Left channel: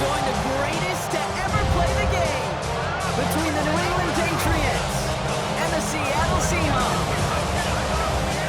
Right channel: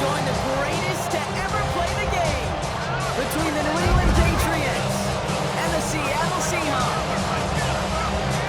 join the greatest to ever play the game between the New England Patriots and the Seattle Seahawks.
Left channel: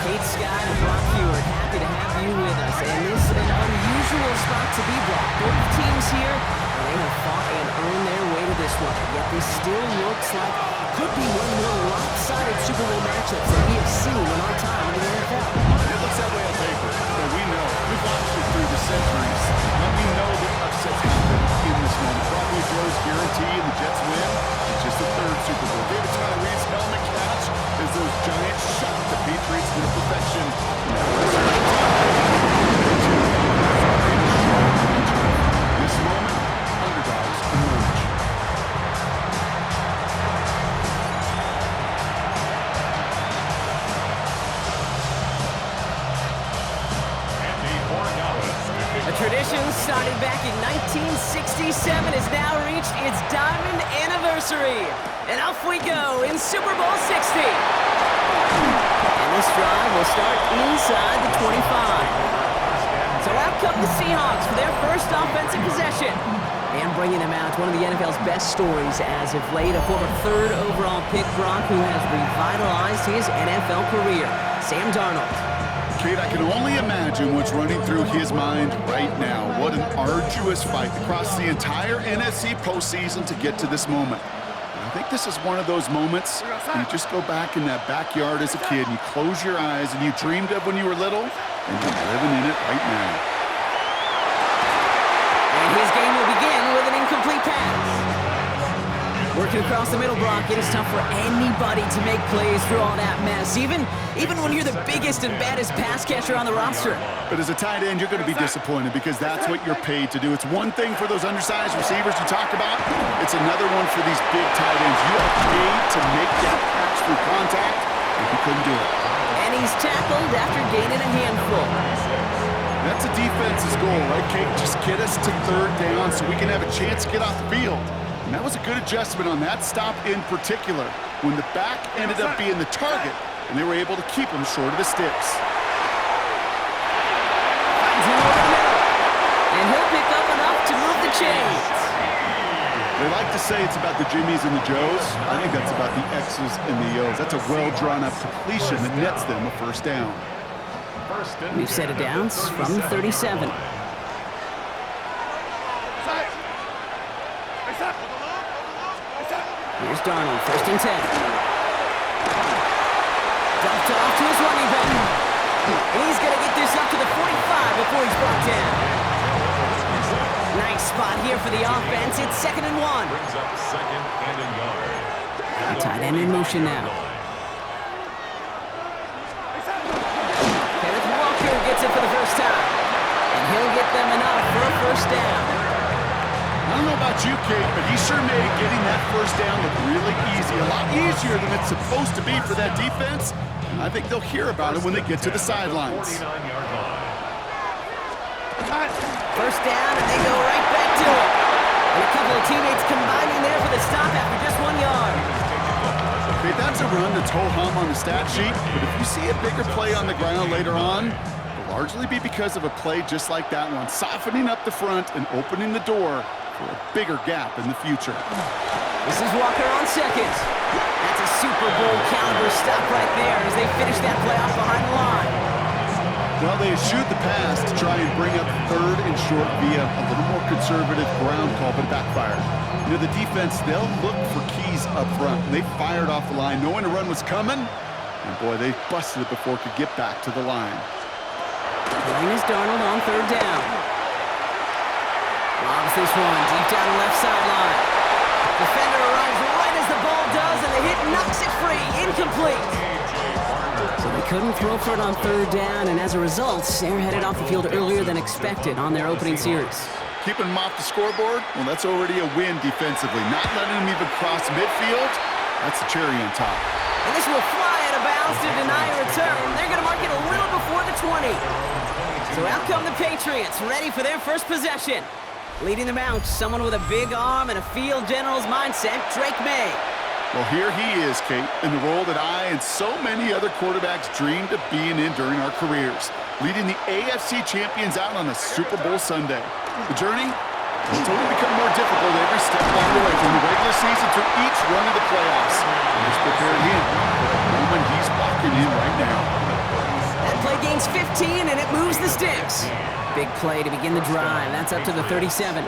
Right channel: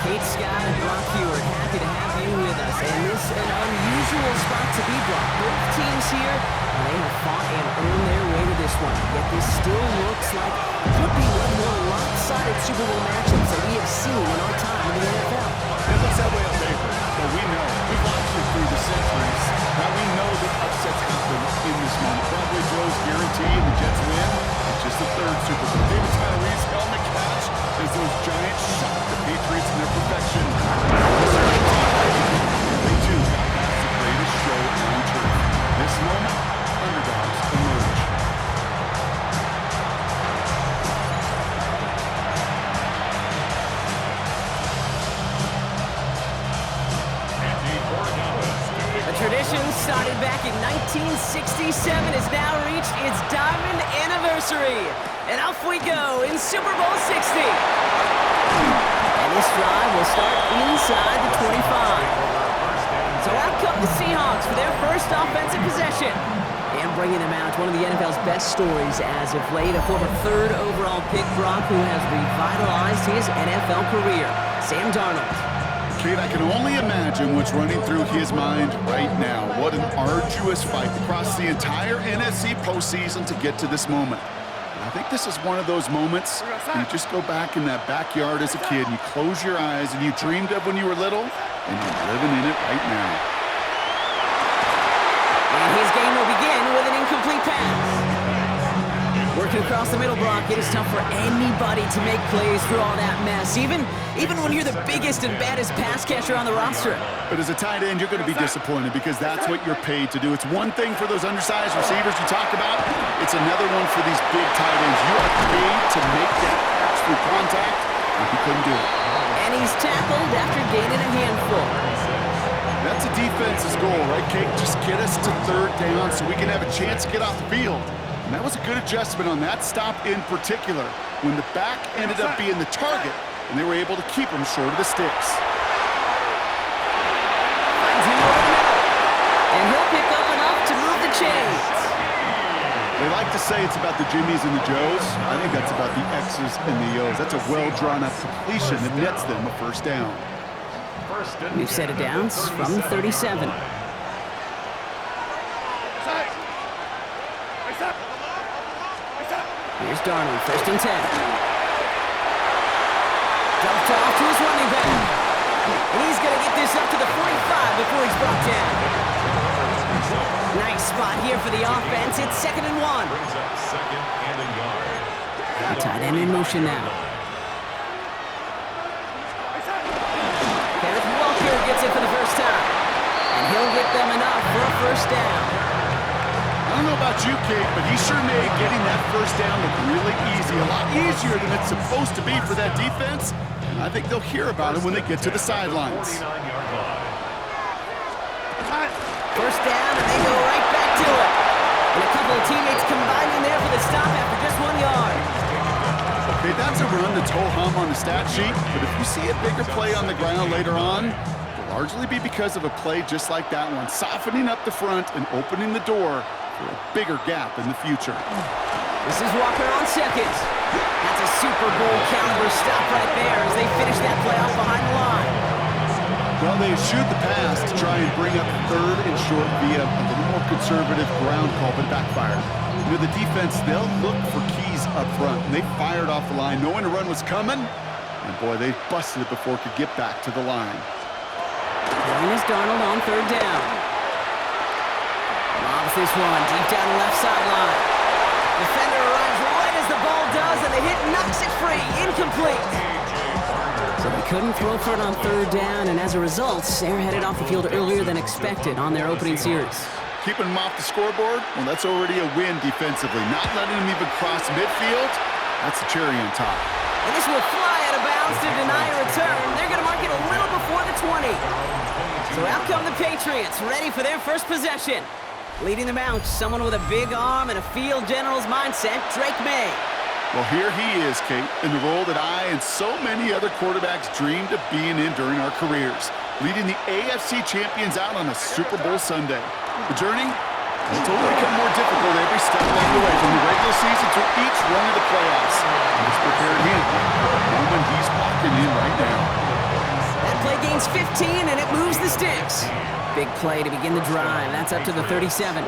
Kate Scott and Brock Huard, happy to have you with us. And this is an unusual spot to be, Brock. Both teams here, and they have fought and earned their way to this one. Yet this still looks like could be one of the more lopsided Super Bowl matchups that we have seen in our time in the NFL. It looks that way on paper, but we know. We've watched it through the centuries, and we know that upsets happen in this moment. Broadway Joe's guarantee and the Jets win. It's just the third Super Bowl. David Tyree's helmet catch as those Giants shock the Patriots in their perfection. They too have the greatest show on turf. This moment, underdogs emerge. A tradition started back in 1967 has now reached its diamond anniversary. And off we go in Super Bowl 60. And this drive will start inside the 25. So out come the Seahawks for their first offensive possession. And bringing them out, one of the NFL's best stories as of late, a former third overall pick, Brock, who has revitalized his NFL career, Sam Darnold. Kate, I can only imagine what's running through his mind right now. What an arduous fight across the entire NFC postseason to get to this moment. And I think this is one of those moments where you just go back in that backyard as a kid and you close your eyes and you dreamed of when you were little, and you're living in it right now. And his game will begin with an incomplete pass. Working across the middle, Brock, it is tough for anybody to make plays through all that mess, even when you're the biggest and baddest pass catcher on the roster. But as a tight end, you're going to be disappointed because that's what you're paid to do. It's one thing for those undersized receivers you talk about. It's another one for these big tight ends. You are paid to make that catch through contact, and he couldn't do it. And he's tackled after gaining a handful. That's a defense's goal, right, Kate? Just get us to third down so we can have a chance to get off the field. And that was a good adjustment on that stop in particular, when the back ended up being the target, and they were able to keep him short of the sticks. Finds him over the middle, and he'll pick up enough to move the chains. They like to say it's about the Jimmies and the Joes. I think that's about the X's and the O's. That's a well-drawn-up completion that nets them a first down. We've set it down from the 37. Here's Darnold, 1st and 10. Dumped off to his running back. And he's going to get this up to the 45 before he's brought down. Nice spot here for the offense. It's 2nd and 1. Brings up 2nd and a yard. Tight end in motion now. Kenneth Walker gets it for the first time. And he'll get them enough for a first down. I don't know about you, Kate, but he sure made getting that first down look really easy. A lot easier than it's supposed to be for that defense. And I think they'll hear about it when they get to the sidelines. 49-yard line. First down, and they go right back to it. And a couple of teammates combining there for the stop after just 1 yard. Okay, that's a run that's ho-hum on the stat sheet, but if you see a bigger play on the ground later on, it'll largely be because of a play just like that one, softening up the front and opening the door for a bigger gap in the future. This is Walker on 2nd. That's a Super Bowl caliber stop right there as they finish that play off behind the line. Well, they eschewed the pass to try and bring up 3rd and short via a little more conservative ground call, but it backfired. You know, the defense, they'll look for keys up front, and they fired off the line knowing a run was coming, and boy, they busted it before it could get back to the line. Throwing is Darnold on 3rd down. Lobs this one deep down the left sideline. Defender arrives right as the ball does, and the hit knocks it free. Incomplete. So they couldn't throw for it on 3rd down, and as a result, they're headed off the field earlier than expected on their opening series. Keeping them off the scoreboard, well, that's already a win defensively. Not letting them even cross midfield, that's the cherry on top. And this will fly out of bounds to deny a return. They're going to mark it a little before the 20. So out come the Patriots, ready for their first possession. Leading them out, someone with a big arm and a field general's mindset, Drake May. Well, here he is, Kate, in the role that I and so many other quarterbacks dreamed of being in during our careers, leading the AFC champions out on a Super Bowl Sunday. The journey, It's only become more difficult every step along the way, from the regular season through each run of the playoffs. And it's prepared him for the moment he's walking in right now. That play gains 15, and it moves the sticks. Big play to begin the drive. That's up to the 37.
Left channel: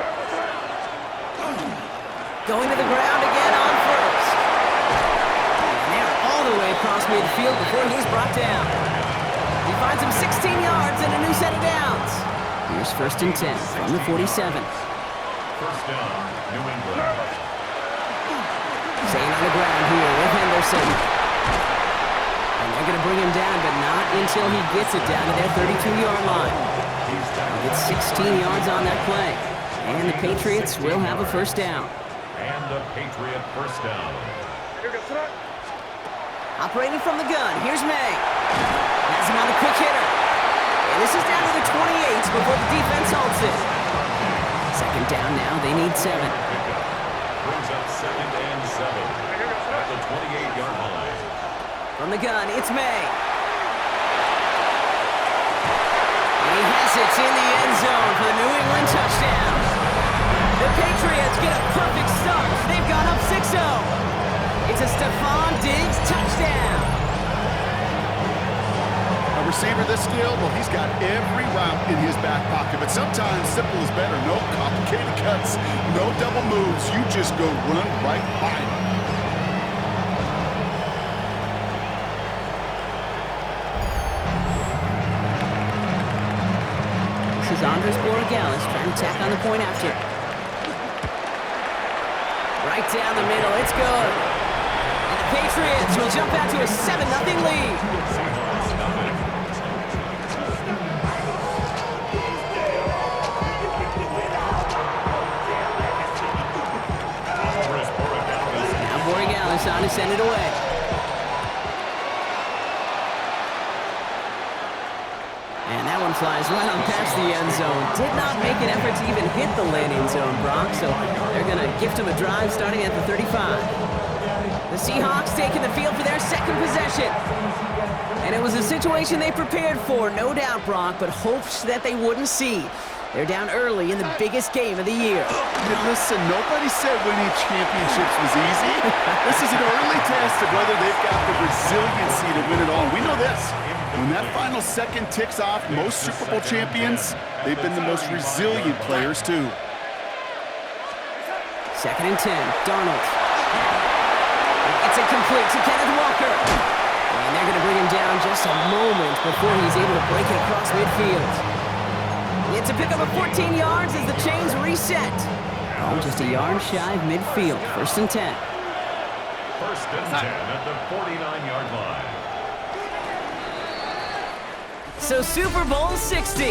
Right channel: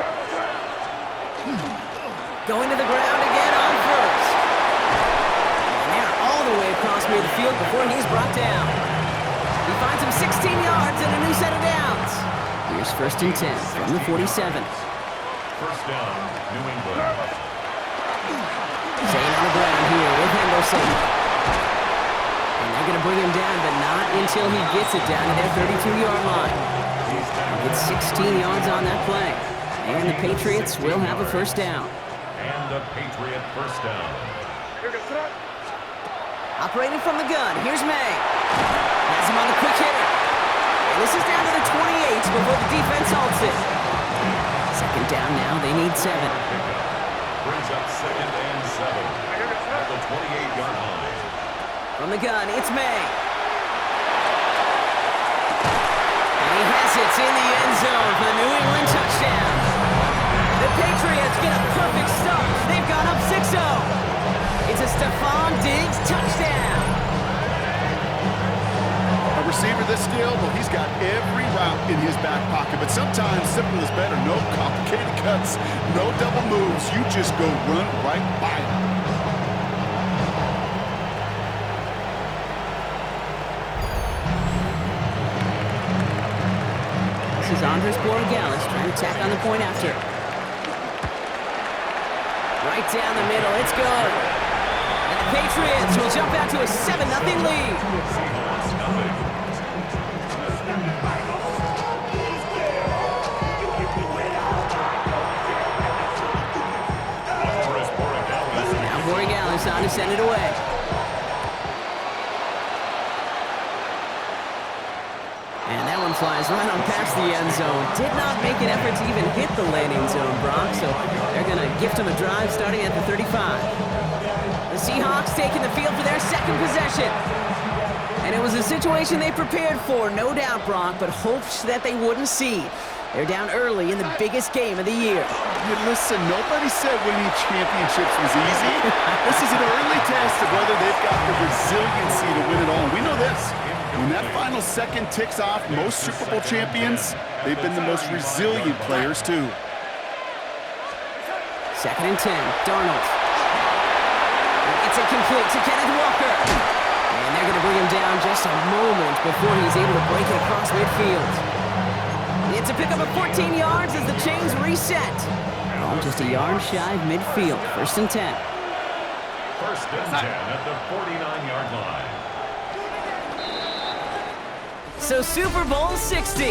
Going to the ground again on first. And they're all the way across midfield before he's brought down. He finds him 16 yards and a new set of downs. Here's 1st and 10 from the 47. First down, New England. Zane on the ground here with Henderson. And they're going to bring him down, but not until he gets it down to their 32-yard line. He'll get 16 yards on that play. And the Patriots will have a first down. And a Patriot first down. Operating from the gun, here's May. Has him on the quick hitter. And this is down to the 28 before the defense halts it. Second down now, they need 7. Pickup brings up 2nd and 7 at the 28-yard line. From the gun, it's May. And he has it in the end zone for the New England touchdown. The Patriots get a perfect start. They've gone up 6-0. It's a Stephon Diggs touchdown. A receiver this skilled, well, he's got every route in his back pocket, but sometimes simple is better. No complicated cuts, no double moves. You just go run right by him. This is Andres Borregales trying to tack on the point after. Right down the middle, it's good. And the Patriots will jump out to a 7-0 lead. Seahawks nothing. Andres Borregales. Now Borregales on to send it away. And that one flies right on past the end zone. Did not make an effort to even hit the landing zone, Brock, so they're going to gift him a drive starting at the 35. The Seahawks taking the field for their second possession. And it was a situation they prepared for, no doubt, Brock, but hopes that they wouldn't see. They're down early in the biggest game of the year. Hey, listen, nobody said winning championships was easy. This is an early test of whether they've got the resiliency to win it all. We know this. When that final second ticks off, most Super Bowl champions, they've been the most resilient players, too. 2nd and 10, Darnold. It's incomplete to Kenneth Walker. And they're going to bring him down just a moment before he's able to break it across midfield. It's a pickup of 14 yards as the chains reset. Oh, just a yard shy of midfield. 1st and 10. 1st and 10 at the 49-yard line. So Super Bowl 60.